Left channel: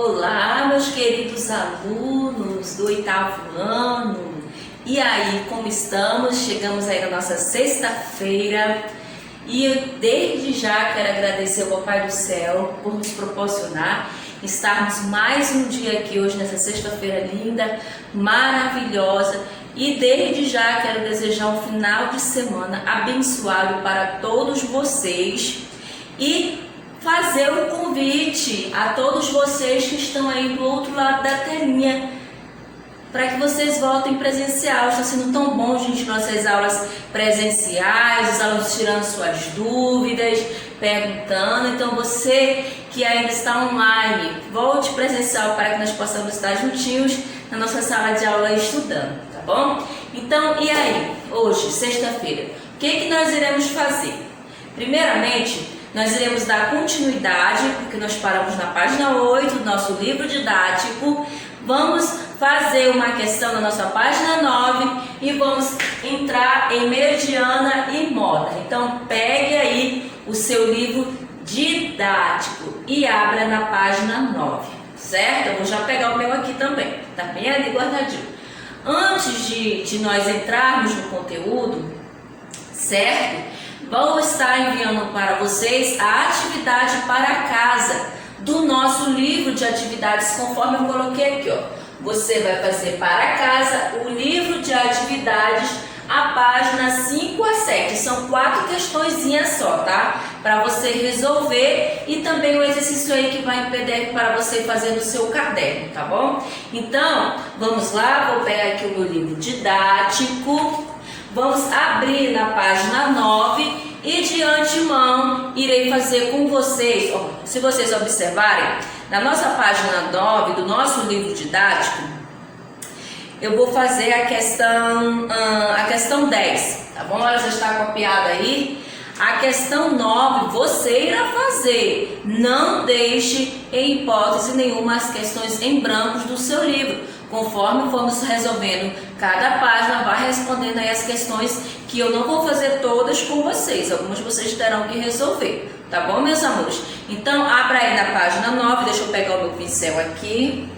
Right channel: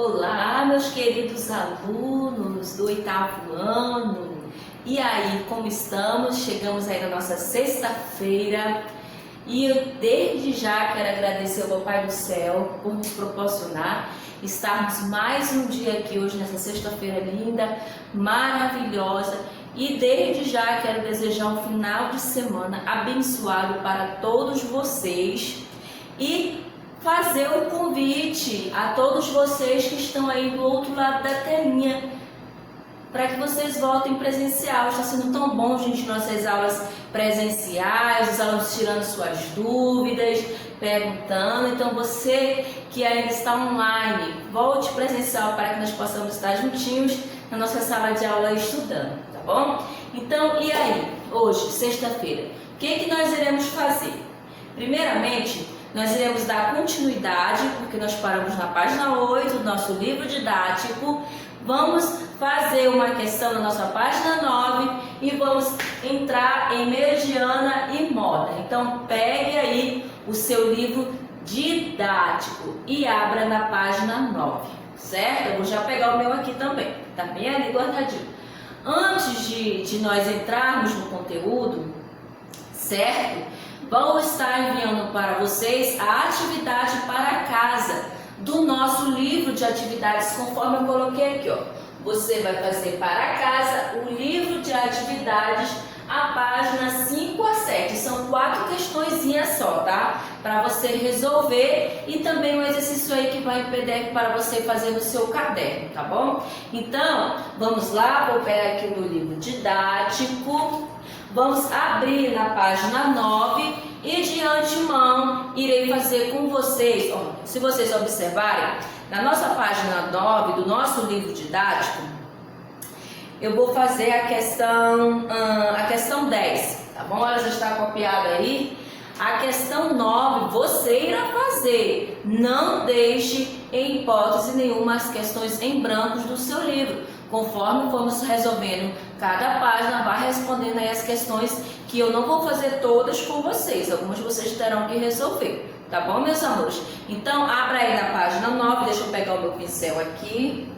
Olá, meus queridos alunos do 8º ano. E aí, como estamos? Chegamos aí na nossa sexta-feira e desde já quero agradecer ao Papai do Céu por nos proporcionar estarmos mais um dia aqui hoje, nessa sexta-feira linda, maravilhosa. E desde já quero desejar um final de semana abençoado para todos vocês e fazer um convite a todos vocês que estão aí do outro lado da telinha para que vocês voltem presencial. Está sendo tão bom, gente, nossas aulas presenciais, os alunos tirando suas dúvidas, perguntando. Então você que ainda está online, volte presencial para que nós possamos estar juntinhos na nossa sala de aula estudando, tá bom? Então, e aí? Hoje, sexta-feira, o que nós iremos fazer? Primeiramente, nós iremos dar continuidade, porque nós paramos na página 8 do nosso livro didático. Vamos fazer uma questão na nossa página 9 e vamos entrar em Meridiana e Moda. Então, pegue aí o seu livro didático e abra na página 9, certo? Eu vou já pegar o meu aqui também, tá bem ali guardadinho. Antes de nós entrarmos no conteúdo, certo? Vou estar enviando para vocês a atividade para casa do nosso livro de atividades, conforme eu coloquei aqui, ó. Você vai fazer para casa o livro de atividades, a página 5 a 7. São 4 questõezinhas só, tá? Para você resolver, e também o exercício aí que vai em PDF para você fazer no seu caderno, tá bom? Então, vamos lá, vou pegar aqui o meu livro didático. Vamos abrir na página 9 e de antemão irei fazer com vocês, ó, se vocês observarem, na nossa página 9 do nosso livro didático, eu vou fazer a questão 10, tá bom? Ela já está copiada aí. A questão 9 você irá fazer, não deixe em hipótese nenhuma as questões em brancos do seu livro. Conforme formos resolvendo cada página, vai respondendo aí as questões que eu não vou fazer todas com vocês. Algumas vocês terão que resolver, tá bom, meus amores? Então, abra aí na página 9, deixa eu pegar o meu pincel aqui.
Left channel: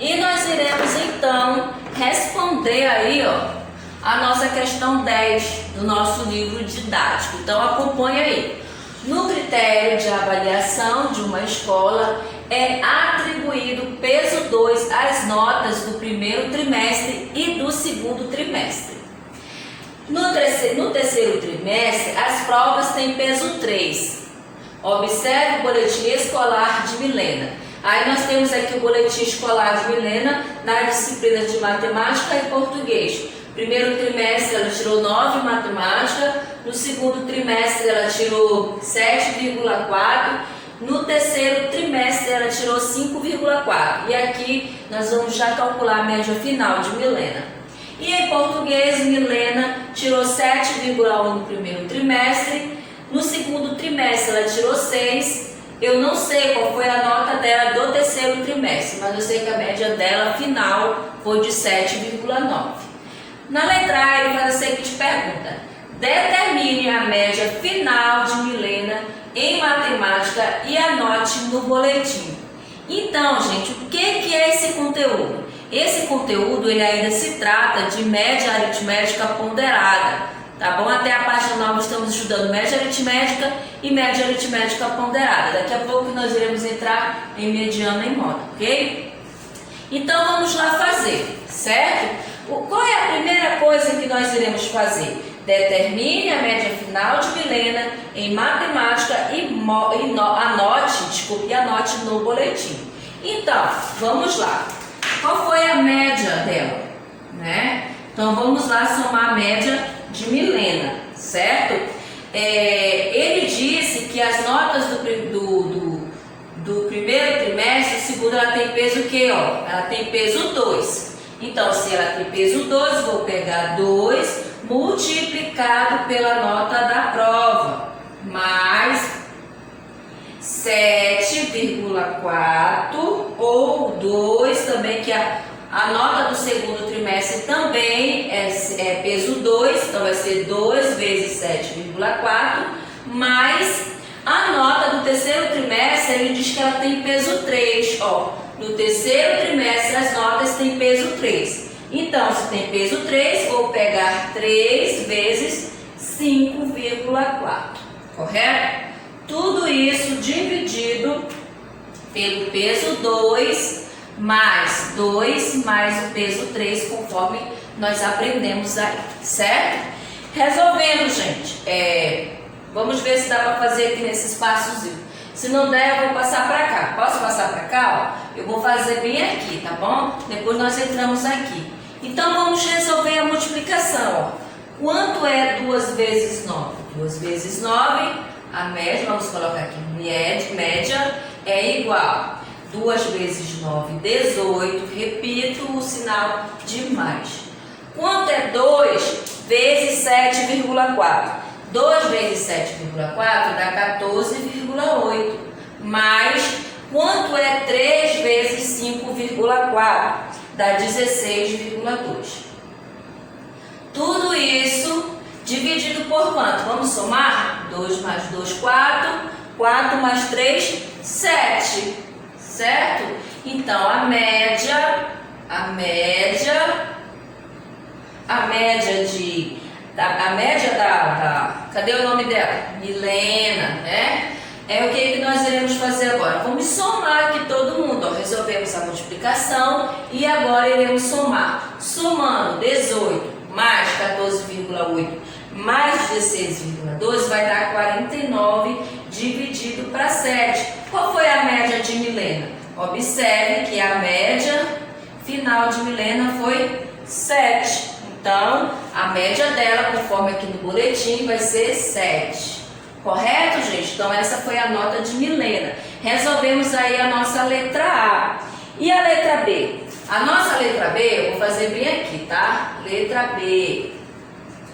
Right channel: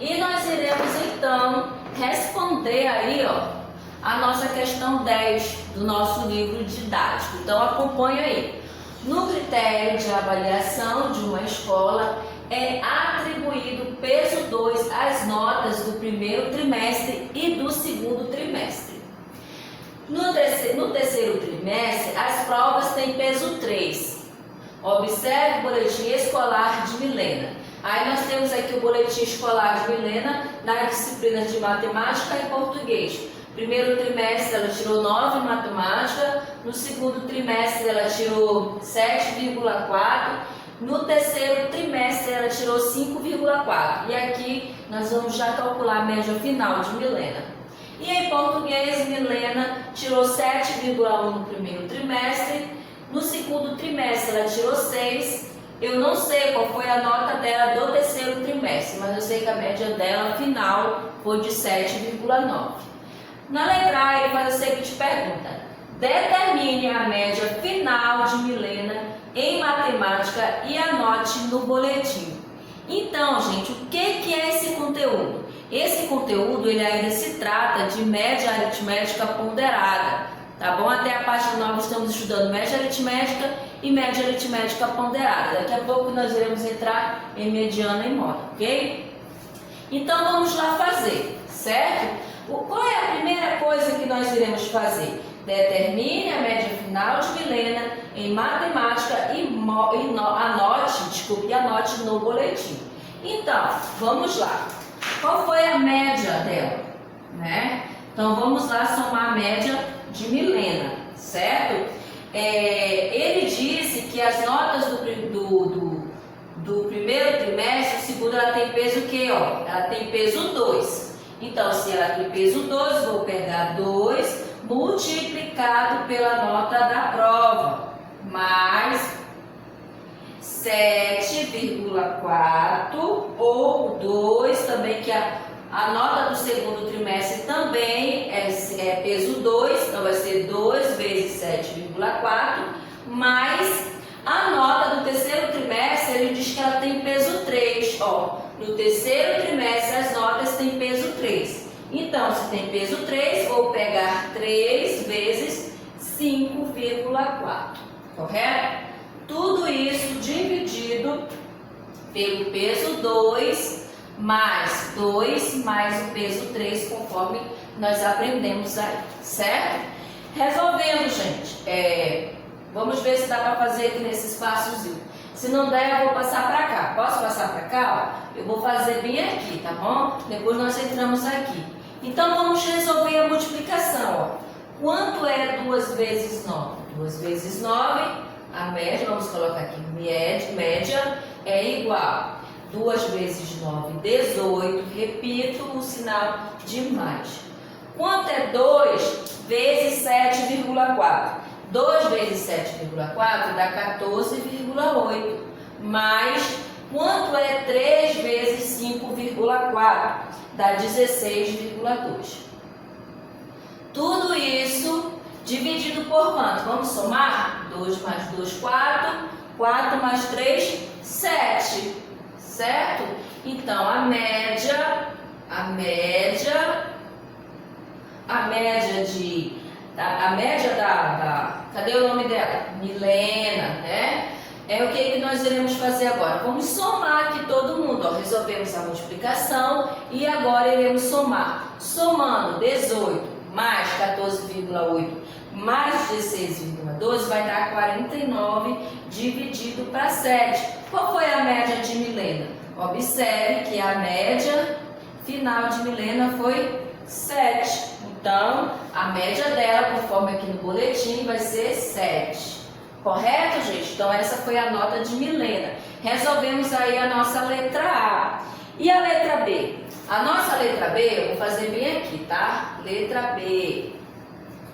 E nós iremos, então, responder aí, ó, a nossa questão 10 do nosso livro didático. Então, acompanhe aí. No critério de avaliação de uma escola, é atribuído peso 2 às notas do primeiro trimestre e do segundo trimestre. No terceiro trimestre, as provas têm peso 3. Observe o boletim escolar de Milena. Aí nós temos aqui o boletim escolar de Milena nas disciplinas de matemática e português. Primeiro trimestre ela tirou 9 em matemática, no segundo trimestre ela tirou 7,4. No terceiro trimestre ela tirou 5,4. E aqui nós vamos já calcular a média final de Milena. E em português, Milena tirou 7,1 no primeiro trimestre. No segundo trimestre ela tirou 6. Eu não sei qual foi a nota dela do terceiro trimestre, mas eu sei que a média dela final foi de 7,9. Na letra A ele faz a seguinte pergunta: determine a média final de Milena em matemática e anote no boletim. Então, gente, o que é esse conteúdo? Esse conteúdo, ele ainda se trata de média aritmética ponderada, tá bom? Até a página 9 estamos estudando média aritmética e média aritmética ponderada. Daqui a pouco nós iremos entrar em mediana e moda, ok? Então, vamos lá fazer, certo? Qual é a primeira coisa que nós iremos fazer? Determine a média final de Milena em matemática e anote no boletim. Então, vamos lá. Qual foi a média dela? Né? Então, vamos lá somar a média de Milena, certo? Ele disse que as notas do primeiro trimestre, segundo, ela tem peso o quê? Ó, ela tem peso 2. Então, se ela tem peso 2, vou pegar 2 multiplicado pela nota da prova, mais 7,4 ou 2 também, que a nota do segundo trimestre também é peso 2, então vai ser 2 vezes 7,4, mais a nota do terceiro trimestre, ele diz que ela tem peso 3. Ó, no terceiro trimestre, as notas têm peso 3. Então, se tem peso 3, vou pegar 3 vezes 5,4. Correto? Tudo isso dividido pelo peso 2 mais 2 mais o peso 3, conforme nós aprendemos aí, certo? Resolvendo, gente, vamos ver se dá para fazer aqui nesse espaçozinho. Se não der, eu vou passar para cá. Posso passar para cá? Ó? Eu vou fazer bem aqui, tá bom? Depois nós entramos aqui. Então, vamos resolver a multiplicação. Ó. Quanto é 2 vezes 9? 2 vezes 9, a média, vamos colocar aqui, média é igual. 2 vezes 9, 18. Repito o sinal de mais. Quanto é 2 vezes 7,4? 2 vezes 7,4 dá 14,8. Mais, quanto é 3 vezes 5,4? Dá 16,2. Tudo isso dividido por quanto? Vamos somar? 2 mais 2, 4. 4 mais 3, 7. Certo? Então, a média da cadê o nome dela? Milena, né? É o que nós iremos fazer agora? Vamos somar aqui todo mundo. Ó, resolvemos a multiplicação e agora iremos somar. Somando 18 mais 14,8 mais 16,12 vai dar 49 dividido para 7. Qual foi a média de Milena? Observe que a média final de Milena foi 7. Então, a média dela, conforme aqui no boletim, vai ser 7. Correto, gente? Então, essa foi a nota de Milena. Resolvemos aí a nossa letra A. E a letra B? A nossa letra B, eu vou fazer bem aqui, tá? Letra B.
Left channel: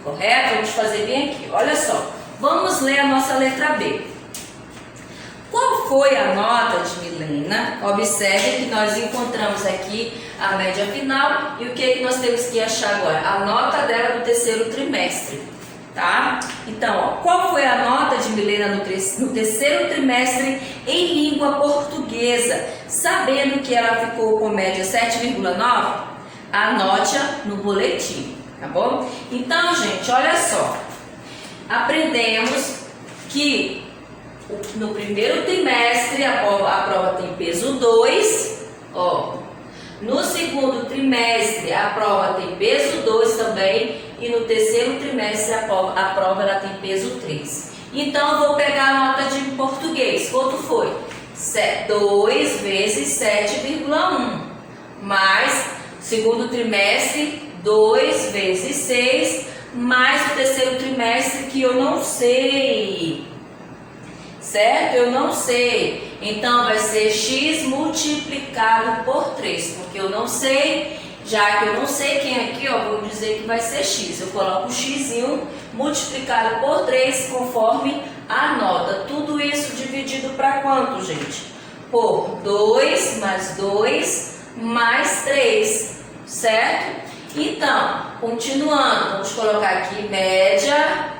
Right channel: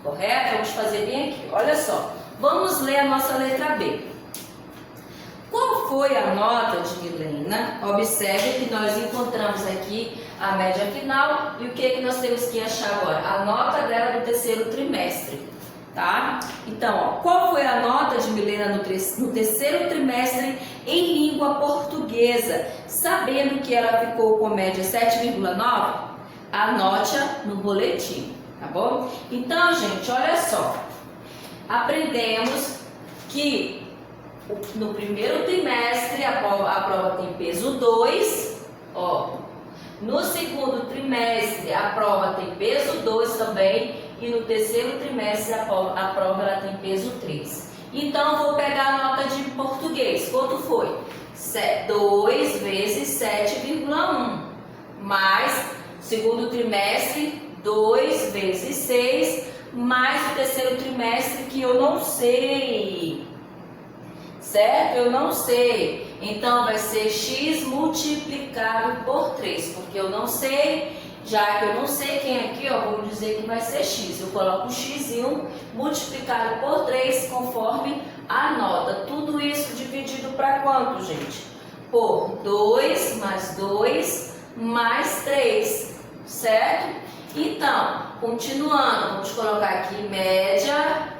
Correto? Vamos fazer bem aqui. Olha só. Vamos ler a nossa letra B. Qual foi a nota de Milena? Observe que nós encontramos aqui a média final e o que nós temos que achar agora? A nota dela do terceiro trimestre, tá? Então, ó, qual foi a nota de Milena no terceiro trimestre em língua portuguesa? Sabendo que ela ficou com média 7,9, anote-a no boletim, tá bom? Então, gente, olha só. Aprendemos que no primeiro trimestre a prova tem peso 2, ó. No segundo trimestre a prova tem peso 2 também e no terceiro trimestre a prova ela tem peso 3. Então eu vou pegar a nota de português. Quanto foi? 2 vezes 7,1 mais segundo trimestre 2 vezes 6 mais o terceiro trimestre que eu não sei. Certo? Eu não sei. Então, vai ser x multiplicado por 3. Porque eu não sei, já que eu não sei quem aqui, ó, vou dizer que vai ser x. Eu coloco o x multiplicado por 3 conforme a nota. Tudo isso dividido para quanto, gente? Por 2 mais 2 mais 3. Certo? Então, continuando, vamos colocar aqui média.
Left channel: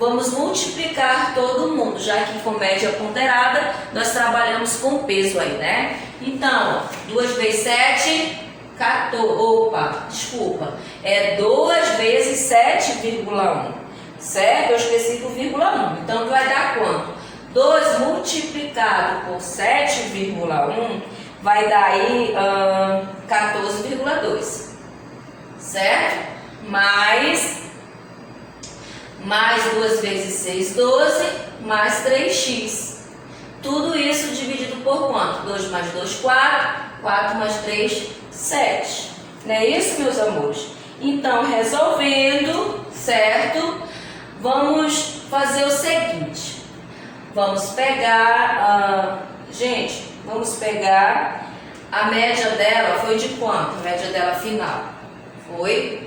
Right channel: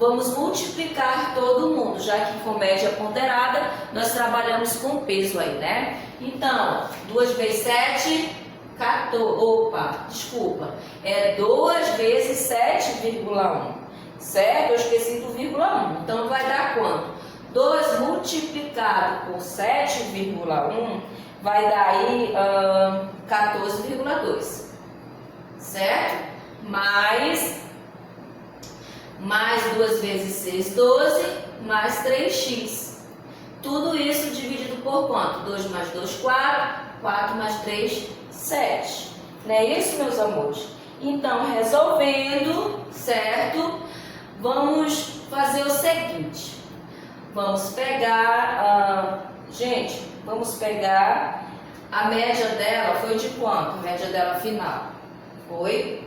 Vamos multiplicar todo mundo, já que com média ponderada, nós trabalhamos com peso aí, né? Então, 2 vezes 7, 14, opa, desculpa, é 2 vezes 7,1, certo? Eu esqueci do vírgula 1, então vai dar quanto? 2 multiplicado por 7,1 vai dar aí 14,2, certo? Mais 2 vezes 6, 12, mais 3x. Tudo isso dividido por quanto? 2 mais 2, 4, 4 mais 3, 7. Não é isso, meus amores? Então, resolvendo, certo? Vamos fazer o seguinte. Vamos pegar, vamos pegar a média dela, foi de quanto? A média dela final foi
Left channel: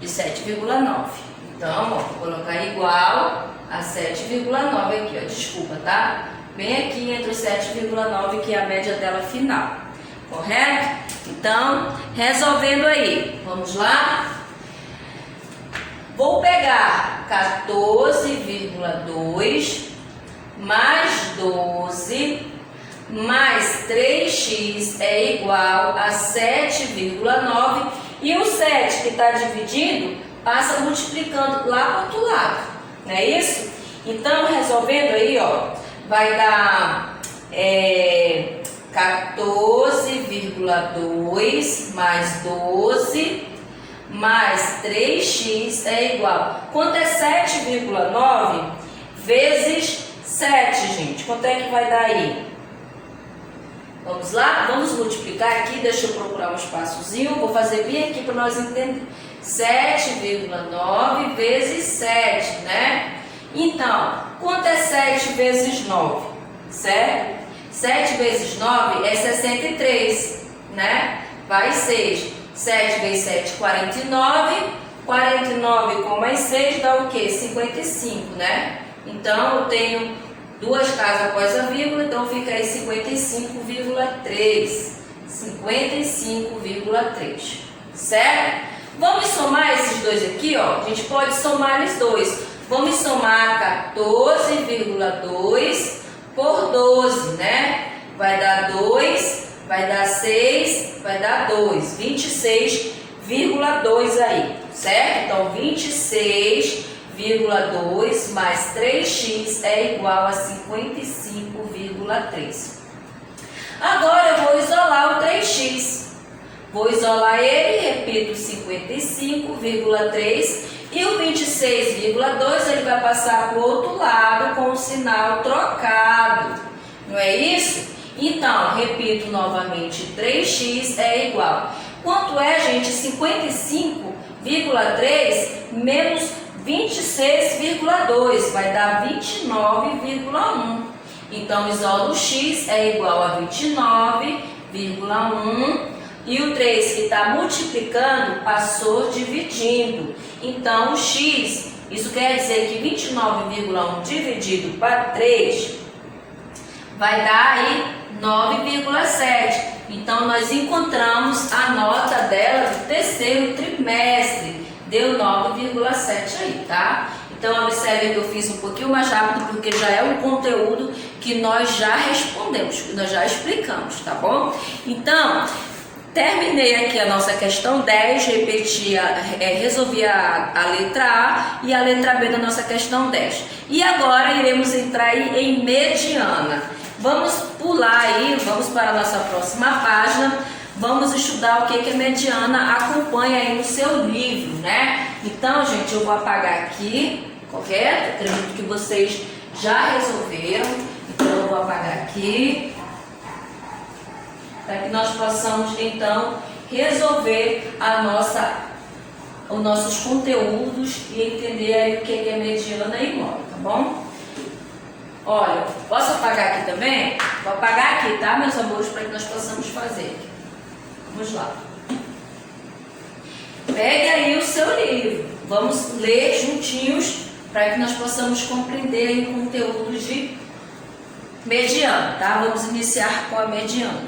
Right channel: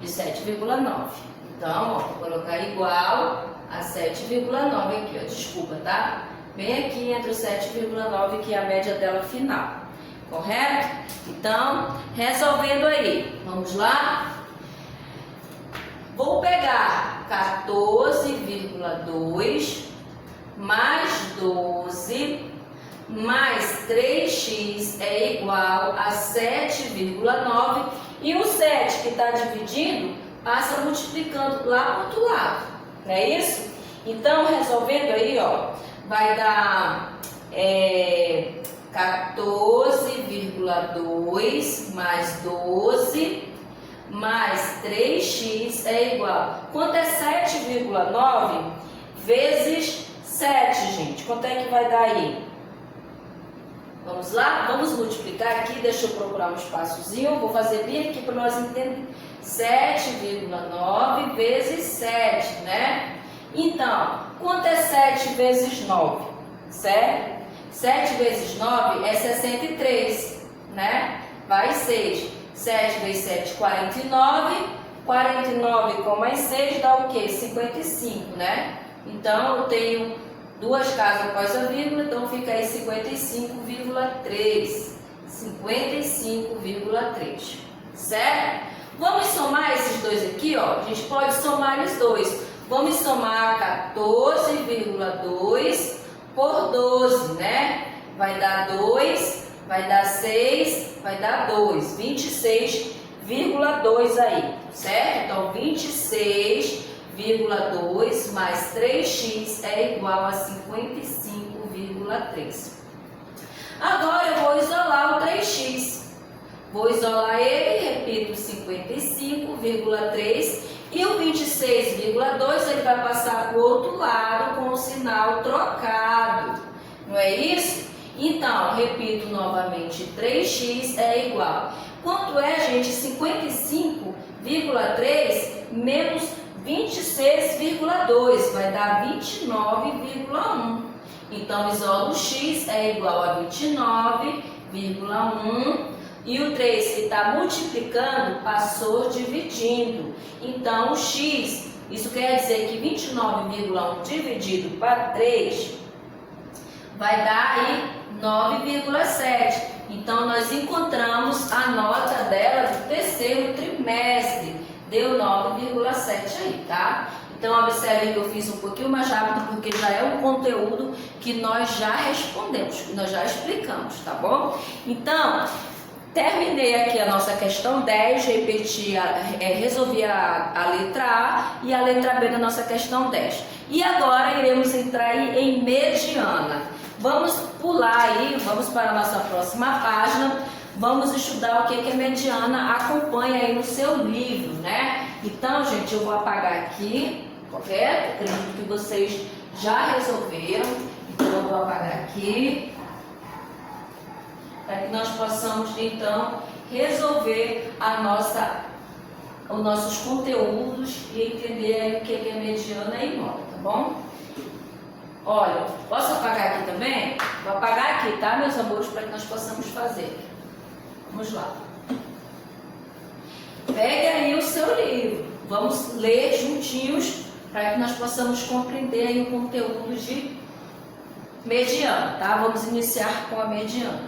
de 7,9. Então, ó, vou colocar igual a 7,9 aqui, ó, desculpa, tá? Bem aqui entre o 7,9 que é a média dela final, correto? Então, resolvendo aí, vamos lá? Vou pegar 14,2 mais 12 mais 3x é igual a 7,9 e o 7 que está dividindo passa multiplicando lá para o outro lado, não é isso? Então, resolvendo aí, ó, vai dar 14,2 mais 12 mais 3x é igual. Quanto é 7,9 vezes 7, gente? Quanto é que vai dar aí? Vamos lá? Vamos multiplicar aqui. Deixa eu procurar um espaçozinho. Vou fazer bem aqui para nós entendermos. 7,9 vezes 7, né? Então, quanto é 7 vezes 9? Certo? 7 vezes 9 é 63, né? Vai 6. 7 vezes 7, 49. 49 com mais 6 dá o quê? 55, né? Então, eu tenho duas casas após a vírgula, então fica aí 55,3. 55,3. Certo? Vamos somar esses dois aqui, ó. A gente pode somar eles dois. Vamos somar 14,2 por 12, né? Vai dar 2, vai dar 6, vai dar 2. 26,2 aí, certo? Então, 26,2 mais 3x é igual a 55,3. Agora eu vou isolar o 3x. Vou isolar ele, repito, 55,3 e o 26,2 ele vai passar para o outro lado com o sinal trocado. Não é isso? Então, repito novamente, 3x é igual. Quanto é, gente? 55,3 menos 26,2 vai dar 29,1. Então, isolo o x é igual a 29,1 e o 3 que está multiplicando passou dividindo. Então, o x, isso quer dizer que 29,1 dividido para 3 vai dar aí 9,7. Então, nós encontramos a nota dela do terceiro trimestre. Deu 9,7 aí, tá? Então, observe que eu fiz um pouquinho mais rápido, porque já é um conteúdo que nós já respondemos, que nós já explicamos, tá bom? Então, terminei aqui a nossa questão 10, repeti, resolvi a letra A e a letra B da nossa questão 10. E agora iremos entrar aí em mediana. Vamos pular aí, vamos para a nossa próxima página. Vamos estudar o que é mediana, acompanha aí no seu livro, né? Então, gente, eu vou apagar aqui, correto? Acredito que vocês já resolveram, então eu vou apagar aqui, para que nós possamos, então, resolver os nossos conteúdos e entender aí o que é mediana e móvel, tá bom? Olha, posso apagar aqui também? Vou apagar aqui, tá, meus amores, para que nós possamos fazer. Vamos lá. Pegue aí o seu livro. Vamos ler juntinhos para que nós possamos compreender aí o conteúdo de mediana, tá? Vamos iniciar com a mediana.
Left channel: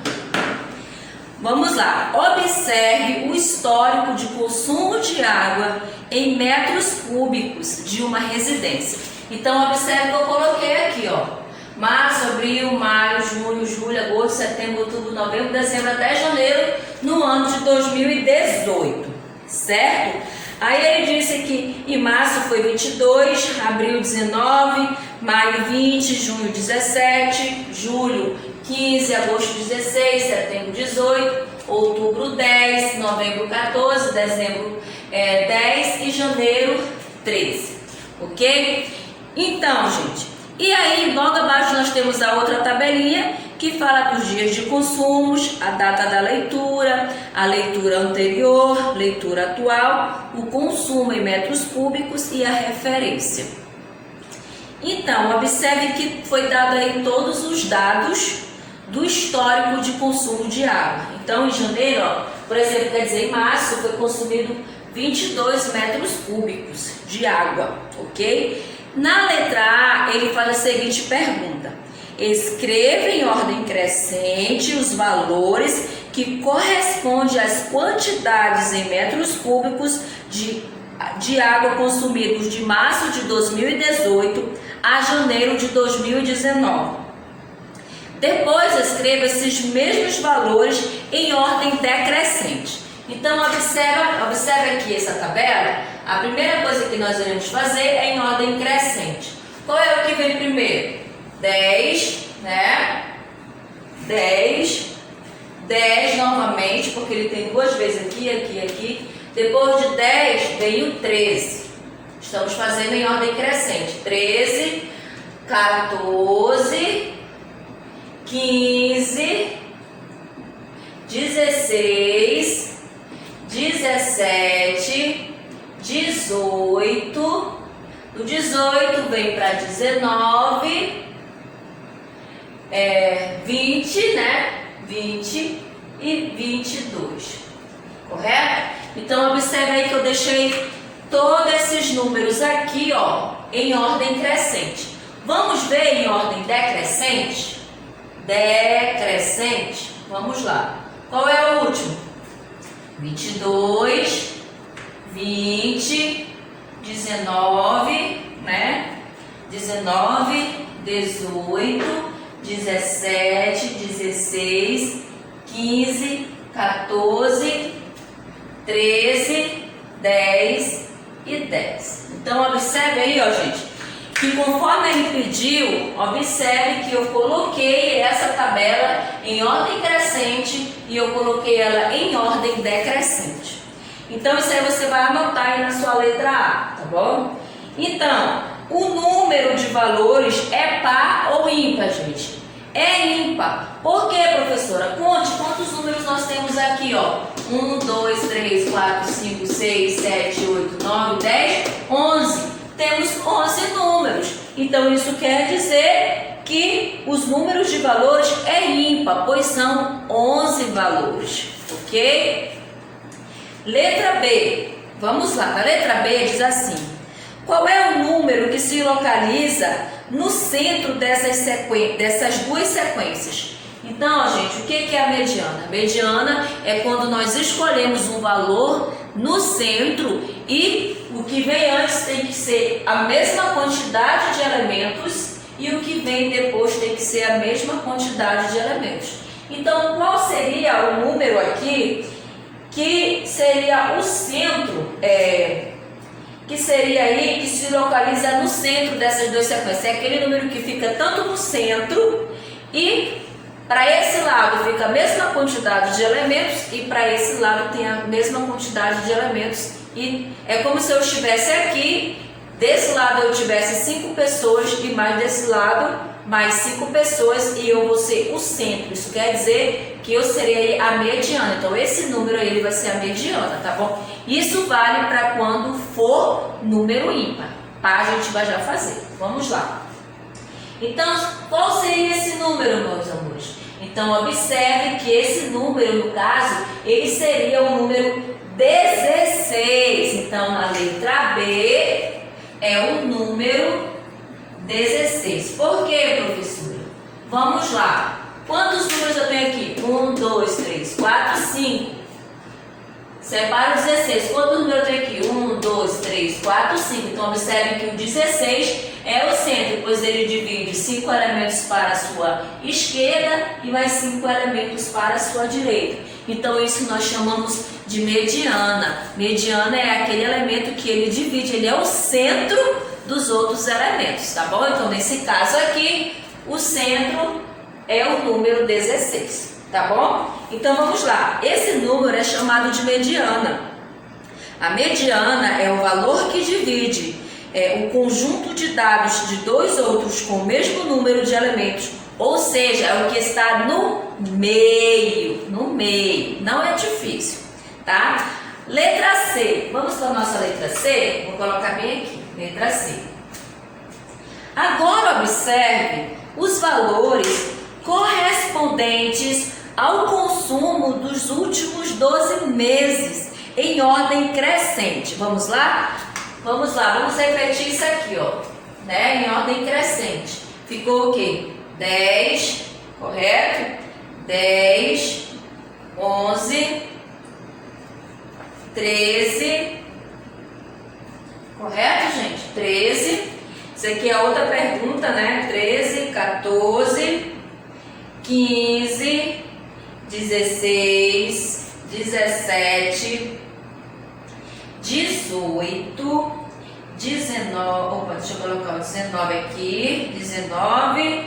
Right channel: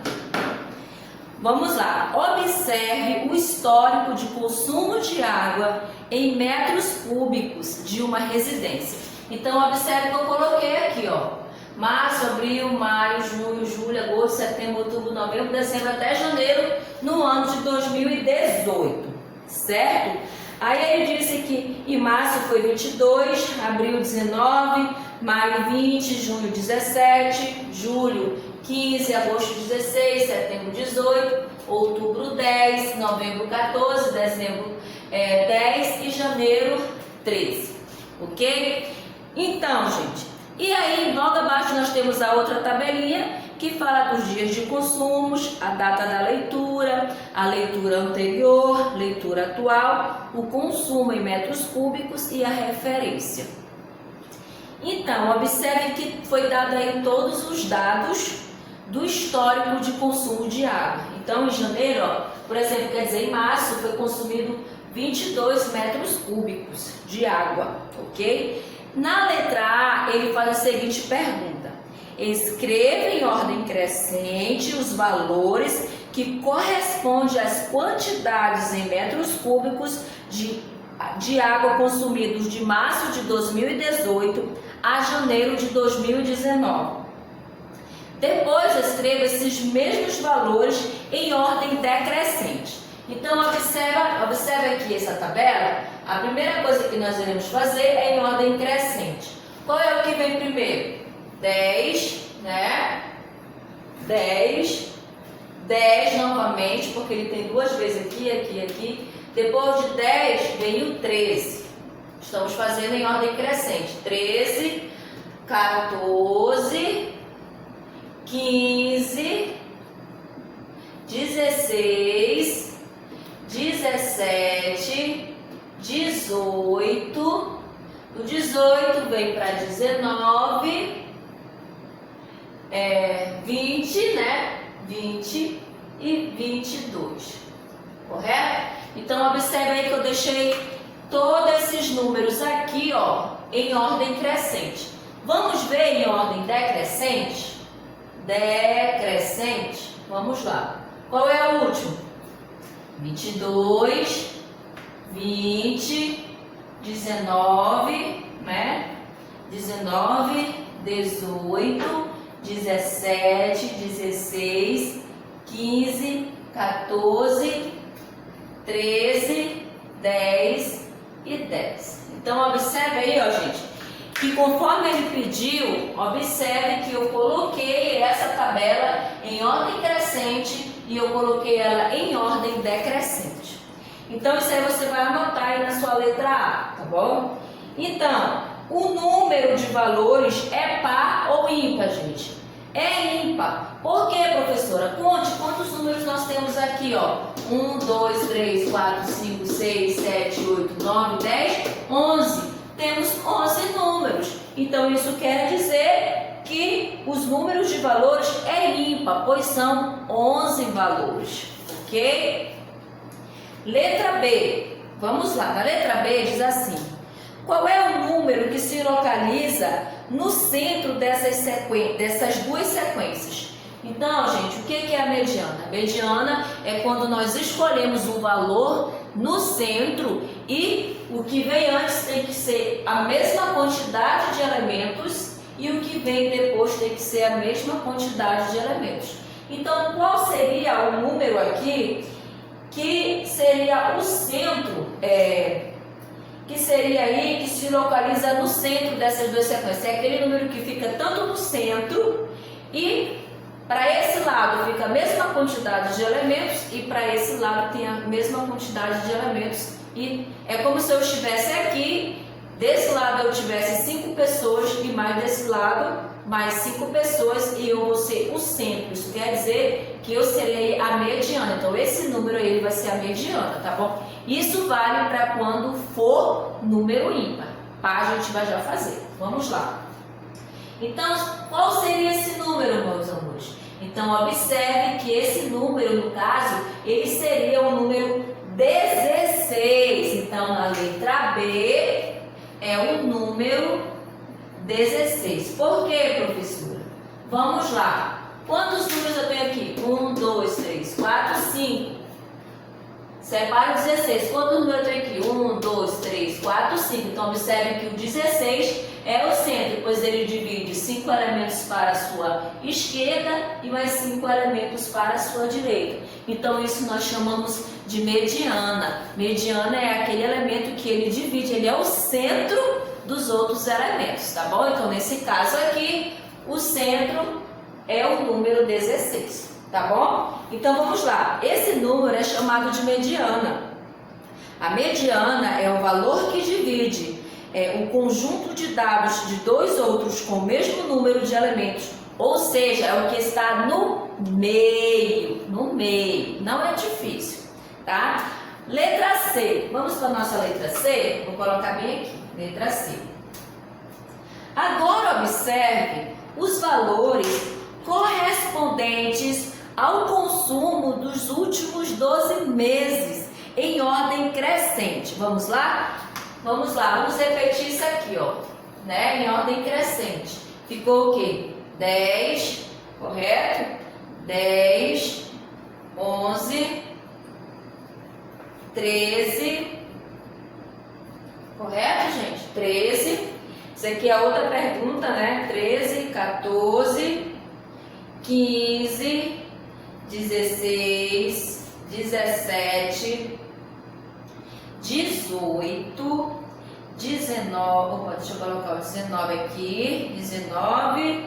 Vamos lá. Observe o histórico de consumo de água em metros cúbicos de uma residência. Então, observe que eu coloquei aqui, ó. Março, abril, maio, junho, julho, agosto, setembro, outubro, novembro, dezembro até janeiro no ano de 2018, certo? Aí ele disse que em março foi 22, abril 19, maio 20, junho 17, julho 15, agosto 16, setembro 18, outubro 10, novembro 14, dezembro 10 e janeiro 13, ok? Então, gente, e aí logo abaixo nós temos a outra tabelinha que fala dos dias de consumos, a data da leitura, a leitura anterior, leitura atual, o consumo em metros cúbicos e a referência. Então, observe que foi dado aí todos os dados do histórico de consumo de água. Então, em janeiro, ó, por exemplo, quer dizer, em março foi consumido 22 metros cúbicos de água, ok? Na letra A, ele faz a seguinte pergunta: escreva em ordem crescente os valores que correspondem às quantidades em metros cúbicos de água consumidos de março de 2018 a janeiro de 2019. Depois, escreva esses mesmos valores em ordem decrescente. Então, observe aqui essa tabela. A primeira coisa que nós iremos fazer é em ordem crescente. Qual é o que vem primeiro? 10, né? 10 novamente, porque ele tem duas vezes aqui, aqui, aqui. Depois de 10 vem o 13. Estamos fazendo em ordem crescente. 13, 14, 15, 16, 17, 18. Do 18 vem para 19, 20, né? 20 e 22, correto? Então, observe aí que eu deixei todos esses números aqui, ó, em ordem crescente. Vamos ver em ordem decrescente? Decrescente, vamos lá. Qual é o último? 22, 20, 19, né? 19, 18, 17, 16, 15, 14, 13, 10 e 10. Então, observe aí, ó, gente, que conforme ele pediu, observe que eu coloquei essa tabela em ordem crescente e eu coloquei ela em ordem decrescente. Então, isso aí você vai anotar aí na sua letra A, tá bom? Então, o número de valores é par ou ímpar, gente? É ímpar. Por quê, professora? Conte quantos números nós temos aqui, ó. 1, 2, 3, 4, 5, 6, 7, 8, 9, 10, 11. Temos 11 números. Então, isso quer dizer que os números de valores é ímpar, pois são 11 valores, ok? Letra B. Vamos lá. Na letra B diz assim: qual é o número que se localiza no centro dessas duas sequências? Então, gente, o que é a mediana? A mediana é quando nós escolhemos um valor no centro e o que vem antes tem que ser a mesma quantidade de elementos e o que vem depois tem que ser a mesma quantidade de elementos. Então, qual seria o número aqui que seria o centro, que seria aí que se localiza no centro dessas duas sequências? É aquele número que fica tanto no centro e para esse lado fica a mesma quantidade de elementos e para esse lado tem a mesma quantidade de elementos. E é como se eu estivesse aqui, desse lado eu tivesse 5 pessoas e mais desse lado mais 5 pessoas e eu vou ser o centro. Isso quer dizer que eu serei a mediana. Então esse número aí ele vai ser a mediana, tá bom? Isso vale para quando for número ímpar. Par a gente vai já fazer. Vamos lá. Então, qual seria esse número, meus amores? Então, observe que esse número, no caso, ele seria o número 16. Então, na letra B é o número 16. Por quê, professora? Vamos lá. Quantos números eu tenho aqui? 1, 2, 3, 4, 5. Separa o 16. Quantos números eu tenho aqui? 1, 2, 3, 4, 5. Então, observe que o 16 é o centro, pois ele divide 5 elementos para a sua esquerda e mais 5 elementos para a sua direita. Então, isso nós chamamos de mediana. Mediana é aquele elemento que ele divide, ele é o centro dos outros elementos, tá bom? Então, nesse caso aqui, o centro é o número 16, tá bom? Então, vamos lá. Esse número é chamado de mediana. A mediana é o valor que divide o conjunto de dados de dois outros com o mesmo número de elementos, ou seja, é o que está no meio, não é difícil, tá? Letra C, vamos para a nossa letra C? Vou colocar bem aqui, letra C. Agora observe os valores correspondentes ao consumo dos últimos 12 meses em ordem crescente. Vamos lá? Vamos lá, vamos repetir isso aqui, ó, né? Em ordem crescente. Ficou o quê? 10, correto? 10, 11, 13, correto, gente? 13, Isso aqui é outra pergunta, né? 13, 14, 15, 16, 17, 18, 19, opa, deixa eu colocar o 19 aqui, 19,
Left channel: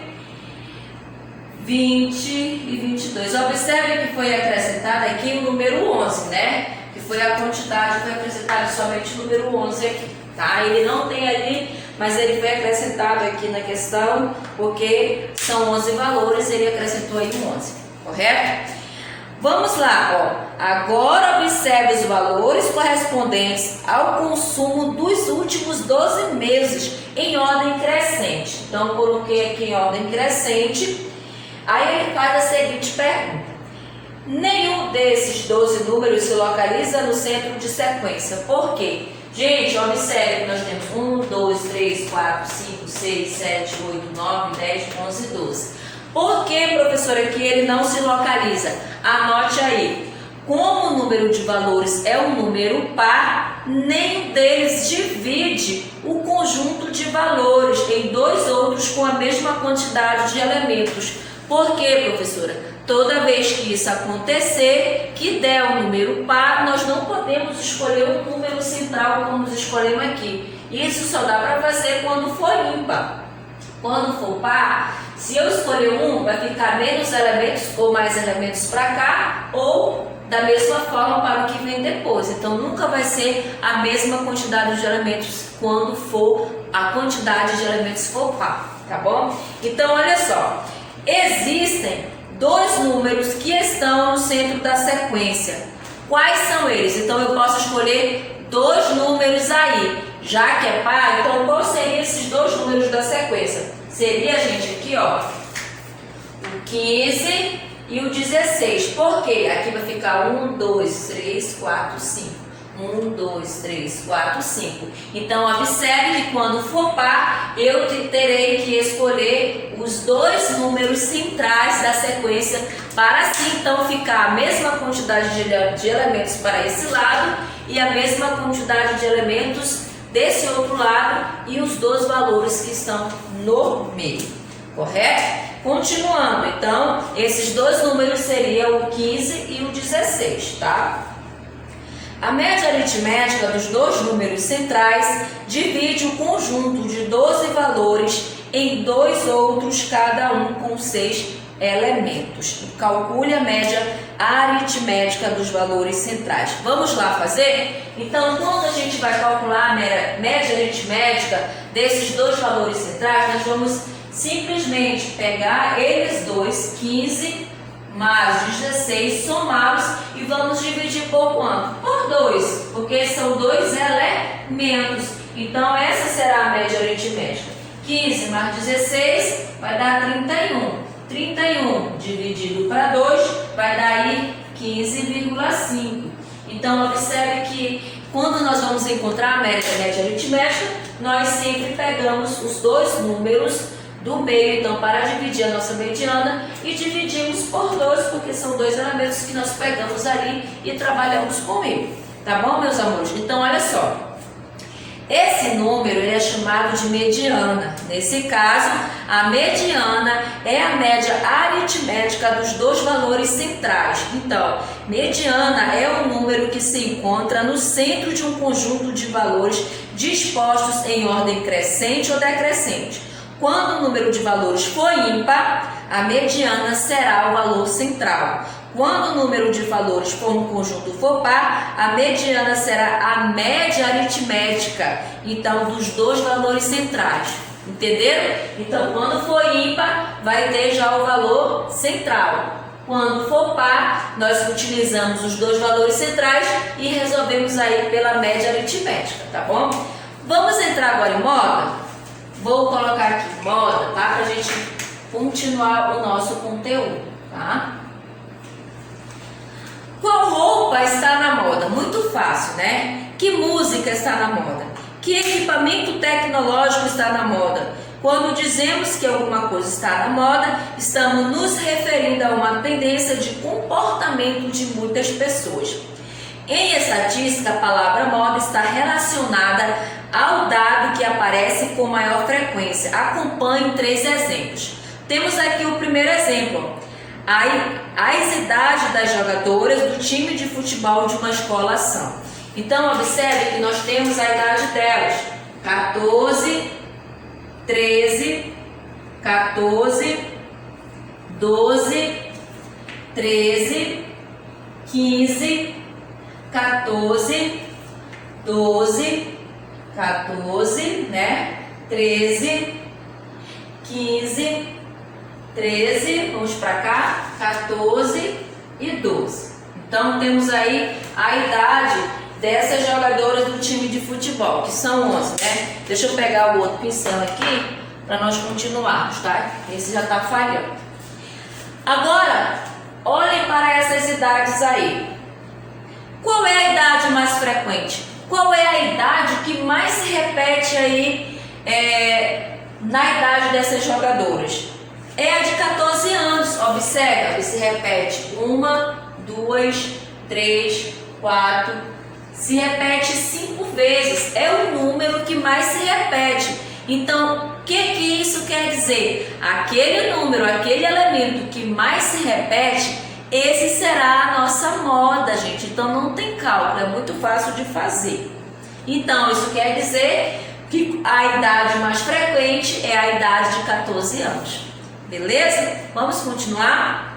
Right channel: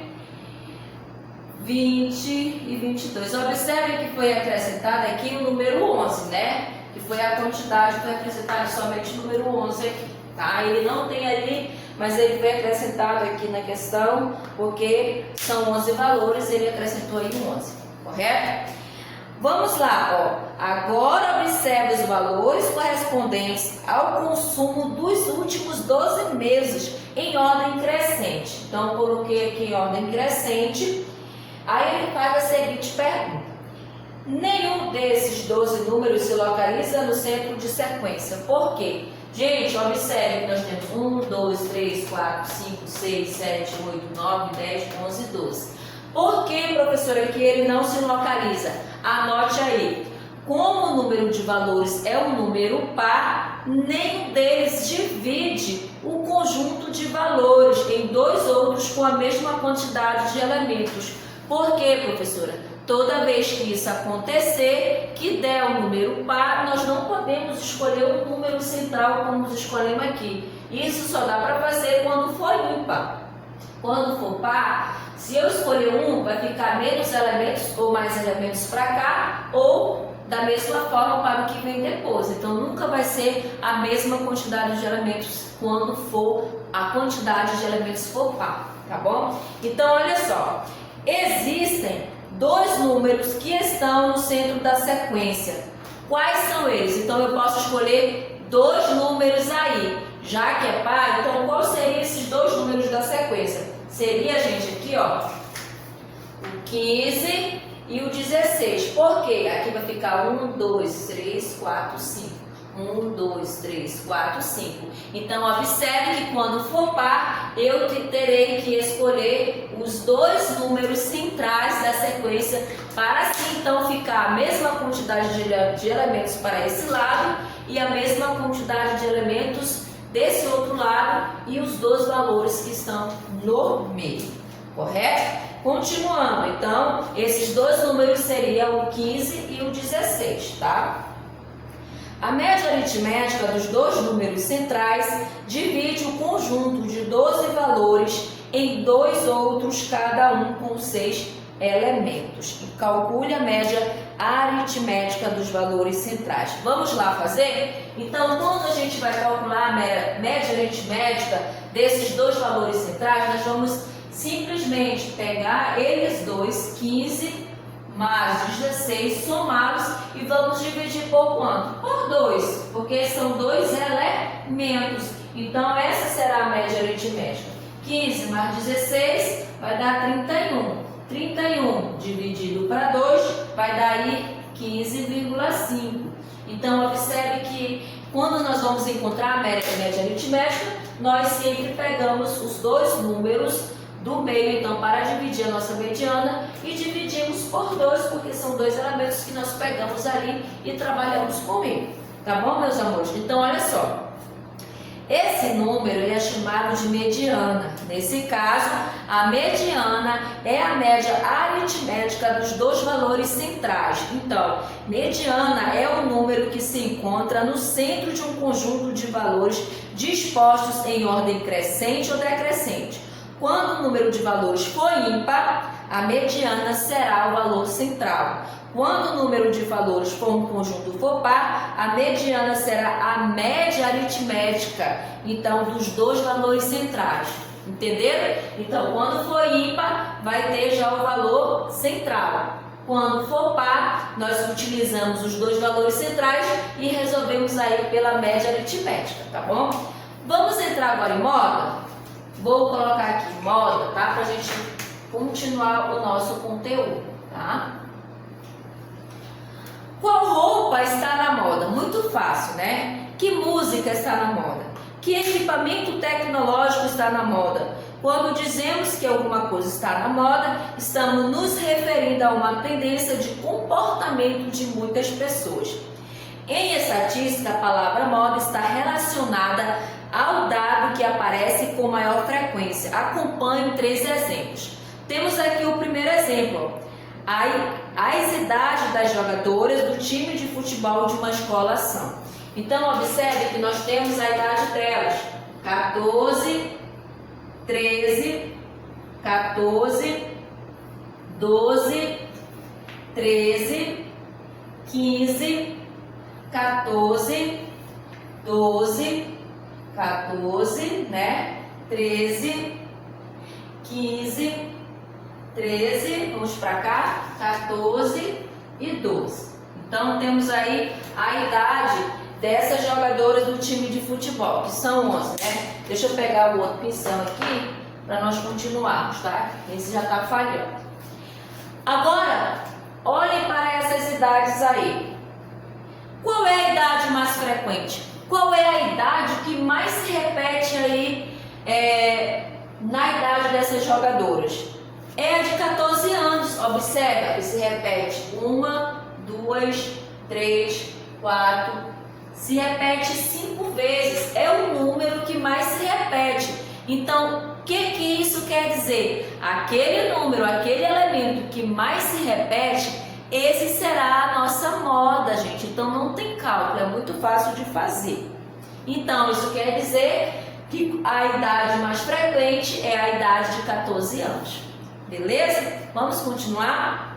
20 e 22. Observe que foi acrescentado aqui o número 11, né? Que foi a quantidade, foi acrescentado somente o número 11 aqui, tá? Ele não tem ali, mas ele foi acrescentado aqui na questão, porque são 11 valores, ele acrescentou aí um 11, correto? Vamos lá, ó. Agora observe os valores correspondentes ao consumo dos últimos 12 meses em ordem crescente. Então, coloquei aqui em ordem crescente. Aí ele faz a seguinte pergunta: nenhum desses 12 números se localiza no centro de sequência. Por quê? Gente, observe que nós temos 1, 2, 3, 4, 5, 6, 7, 8, 9, 10, 11, 12. Por que, professora, que ele não se localiza? Anote aí. Como o número de valores é um número par, nenhum deles divide o conjunto de valores em dois outros com a mesma quantidade de elementos. Por quê, professora? Toda vez que isso acontecer, que der um número par, nós não podemos escolher um número central como escolhemos aqui. Isso só dá para fazer quando for ímpar. Quando for par, se eu escolher um, vai ficar menos elementos ou mais elementos para cá, ou da mesma forma para o que vem depois. Então, nunca vai ser a mesma quantidade de elementos quando for a quantidade de elementos for par, tá bom? Então, olha só, existem dois números que estão no centro da sequência. Quais são eles? Então, eu posso escolher dois números aí. Já que é par, então qual seriam esses dois números da sequência? Seria, gente, aqui, ó, o 15 e o 16. Por quê? Aqui vai ficar 1, 2, 3, 4, 5. 1, 2, 3, 4, 5. Então, observe que quando for par, eu terei que escolher os dois números centrais da sequência para assim, então, ficar a mesma quantidade de elementos para esse lado e a mesma quantidade de elementos desse outro lado e os dois valores que estão no meio, correto? Continuando, então, esses dois números seriam o 15 e o 16, tá? A média aritmética dos dois números centrais divide o conjunto de 12 valores em dois outros, cada um com 6 elementos. Calcule a média aritmética dos valores centrais. Vamos lá fazer? Então, quando a gente vai calcular a média aritmética desses dois valores centrais, nós vamos simplesmente pegar eles dois, 15 mais 16, somá-los e vamos dividir por quanto? Por 2, porque são dois elementos. Então, essa será a média aritmética. 15 mais 16 vai dar 31. 31 dividido para 2 vai dar aí 15,5. Então, observe que quando nós vamos encontrar a média aritmética, nós sempre pegamos os dois números do meio, então, para dividir a nossa mediana e dividimos por 2, porque são dois elementos que nós pegamos ali e trabalhamos com o meio. Tá bom, meus amores? Então, olha só. Esse número ele é chamado de mediana. Nesse caso, a mediana é a média aritmética dos dois valores centrais. Então, mediana é um número que se encontra no centro de um conjunto de valores dispostos em ordem crescente ou decrescente. Quando o número de valores for ímpar, a mediana será o valor central. Quando o número de valores for um conjunto for par, a mediana será a média aritmética, então, dos dois valores centrais. Entenderam? Então, quando for ímpar, vai ter já o valor central. Quando for par, nós utilizamos os dois valores centrais e resolvemos aí pela média aritmética, tá bom? Vamos entrar agora em moda? Vou colocar aqui moda, tá? Pra gente continuar o nosso conteúdo, tá? Qual roupa está na moda? Muito fácil, né? Que música está na moda? Que equipamento tecnológico está na moda? Quando dizemos que alguma coisa está na moda, estamos nos referindo a uma tendência de comportamento de muitas pessoas. Em estatística, a palavra moda está relacionada ao dado que aparece com maior frequência. Acompanhe 3 exemplos. Temos aqui o primeiro exemplo, as idades das jogadoras do time de futebol de uma escola são. Então, observe que nós temos a idade delas, 14, 13, 14, 12, 13, 15, 14, 12, 14, né? 13, 15, 13, vamos para cá, 14 e 12. Então, temos aí a idade dessas jogadoras do time de futebol, que são 11, né? Deixa eu pegar o outro pincel aqui para nós continuarmos, tá? Esse já está falhando. Agora, olhem para essas idades aí. Qual é a idade mais frequente? Qual é a idade que mais se repete aí na idade dessas jogadoras? É a de 14 anos. Observa, se repete 1, 2, 3, 4, se repete 5 vezes. É o número que mais se repete. Então, o que isso quer dizer? Aquele número, aquele elemento que mais se repete, esse será a nossa moda, gente. Então, não tem cálculo, é muito fácil de fazer. Então, isso quer dizer que a idade mais frequente é a idade de 14 anos. Beleza? Vamos continuar?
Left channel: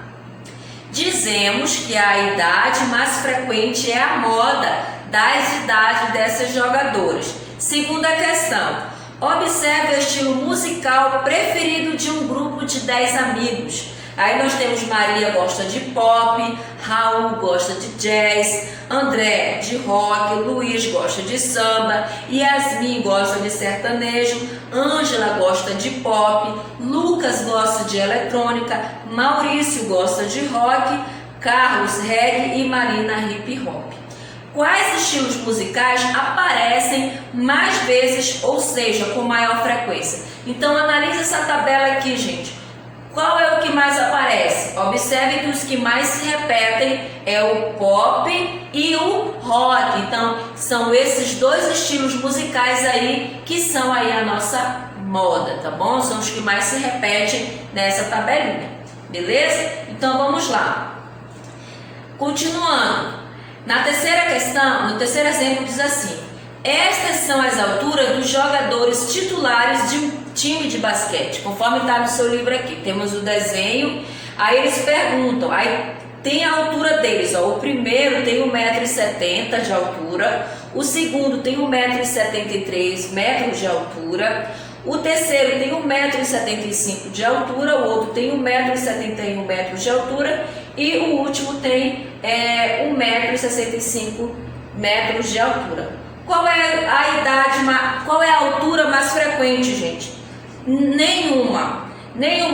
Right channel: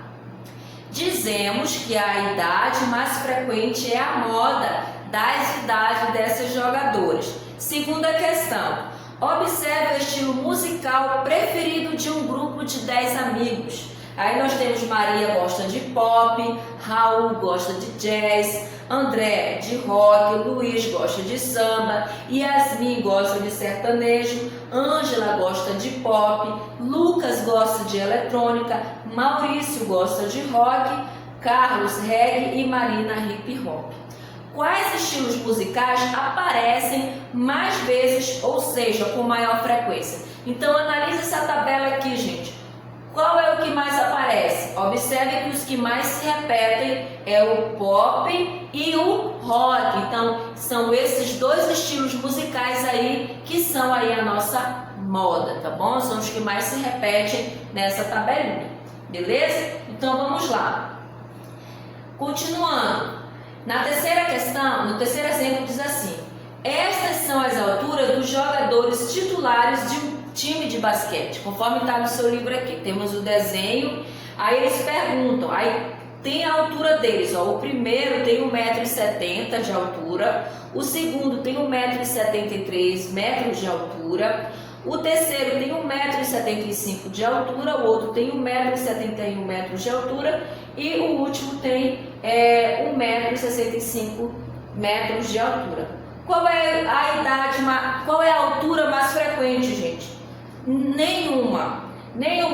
Dizemos que a idade mais frequente é a moda das idades dessas jogadoras. Segunda questão. Observe o estilo musical preferido de um grupo de 10 amigos. Aí nós temos Maria gosta de pop, Raul gosta de jazz, André de rock, Luiz gosta de samba, Yasmin gosta de sertanejo, Ângela gosta de pop, Lucas gosta de eletrônica, Maurício gosta de rock, Carlos reggae e Marina hip hop. Quais estilos musicais aparecem mais vezes, ou seja, com maior frequência? Então analise essa tabela aqui, gente. Qual é o que mais aparece? Observe que os que mais se repetem é o pop e o rock. Então, são esses 2 estilos musicais aí que são aí a nossa moda, tá bom? São os que mais se repetem nessa tabelinha, beleza? Então, vamos lá. Continuando. Na terceira questão, no terceiro exemplo diz assim: estas são as alturas dos jogadores titulares de um time de basquete, conforme está no seu livro aqui. Temos o desenho, aí eles perguntam, aí tem a altura deles, ó. O primeiro tem 1,70 m de altura, o segundo tem 1,73 m de altura, o terceiro tem 1,75 m de altura, o outro tem 1,71 m de altura e o último tem 1,65 m de altura. Qual é a idade, qual é a altura mais frequente, gente? Nenhuma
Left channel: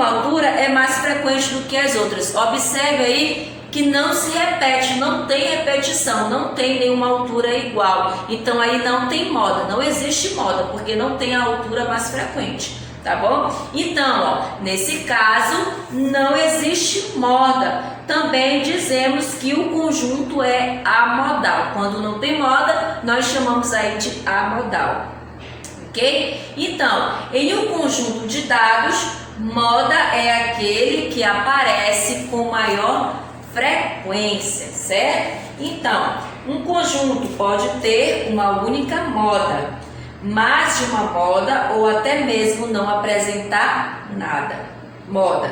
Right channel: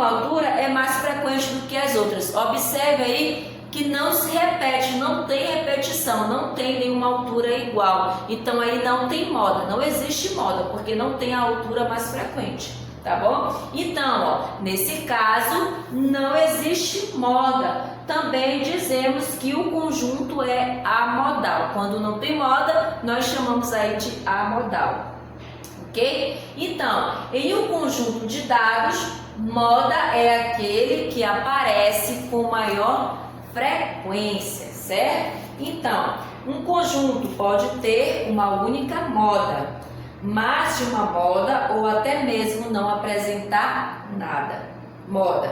altura é mais frequente do que as outras. Observe aí que não se repete, não tem repetição, não tem nenhuma altura igual. Então aí não tem moda, não existe moda, porque não tem a altura mais frequente, tá bom? Então, ó, nesse caso, não existe moda. Também dizemos que o conjunto é amodal. Quando não tem moda, nós chamamos aí de amodal. Ok? Então, em um conjunto de dados, moda é aquele que aparece com maior frequência, certo? Então, um conjunto pode ter uma única moda, mais de uma moda ou até mesmo não apresentar nada. Não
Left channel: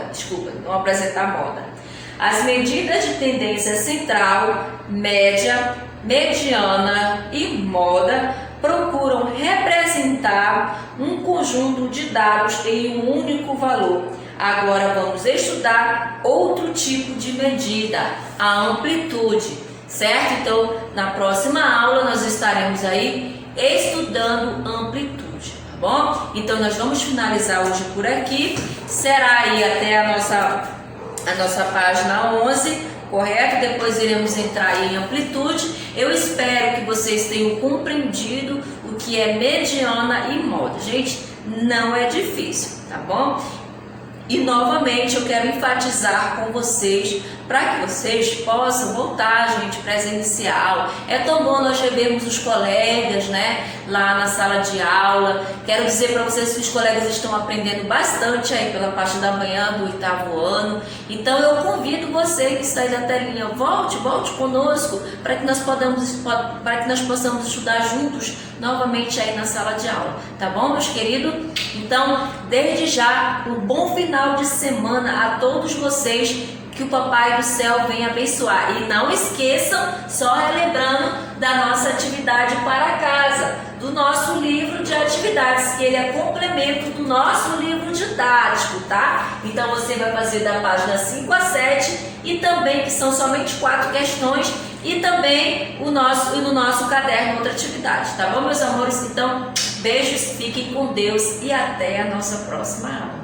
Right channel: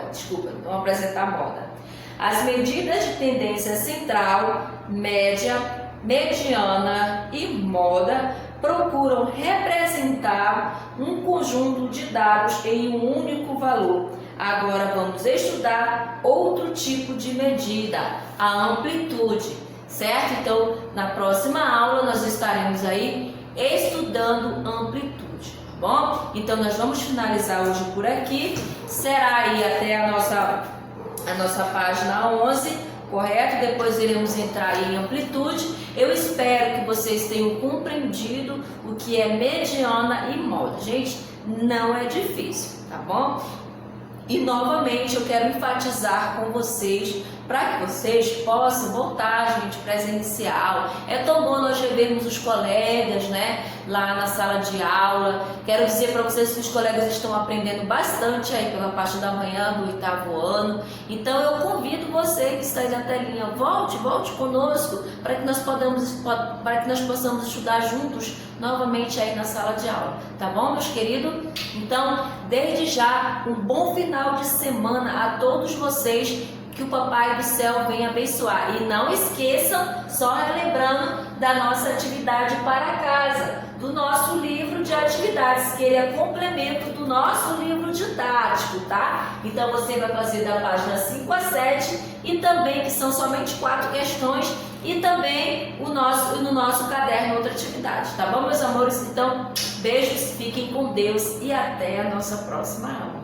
apresentar moda. As medidas de tendência central, média, mediana e moda procuram representar um conjunto de dados em um único valor. Agora vamos estudar outro tipo de medida, a amplitude, certo? Então, na próxima aula nós estaremos aí estudando amplitude, tá bom? Então, nós vamos finalizar hoje por aqui. Será aí até a nossa página 11, correto? Depois iremos entrar em amplitude. Eu espero que vocês tenham compreendido o que é mediana e moda. Gente, não é difícil, tá bom? E novamente eu quero enfatizar com vocês para que vocês possam voltar, gente, presencial. É tão bom nós revermos os colegas, né, lá na sala de aula. Quero dizer para vocês que os colegas estão aprendendo bastante aí pela parte da manhã do 8º ano. Então eu convido você que está aí da telinha, volte conosco para que nós possamos estudar juntos novamente aí na sala de aula, tá bom, meus queridos? Então, desde já, um bom final de semana a todos vocês, que o Papai do Céu venha abençoar. E não esqueçam, só relembrando da nossa atividade para casa, do nosso livro de atividades, que ele é complemento do nosso livro didático, tá? Então você vai fazer da página 5 a 7 e também que são somente 4 questões e também no nosso caderno outra atividade, tá bom, meus amores? Então, beijos, fiquem com Deus e até a nossa próxima aula.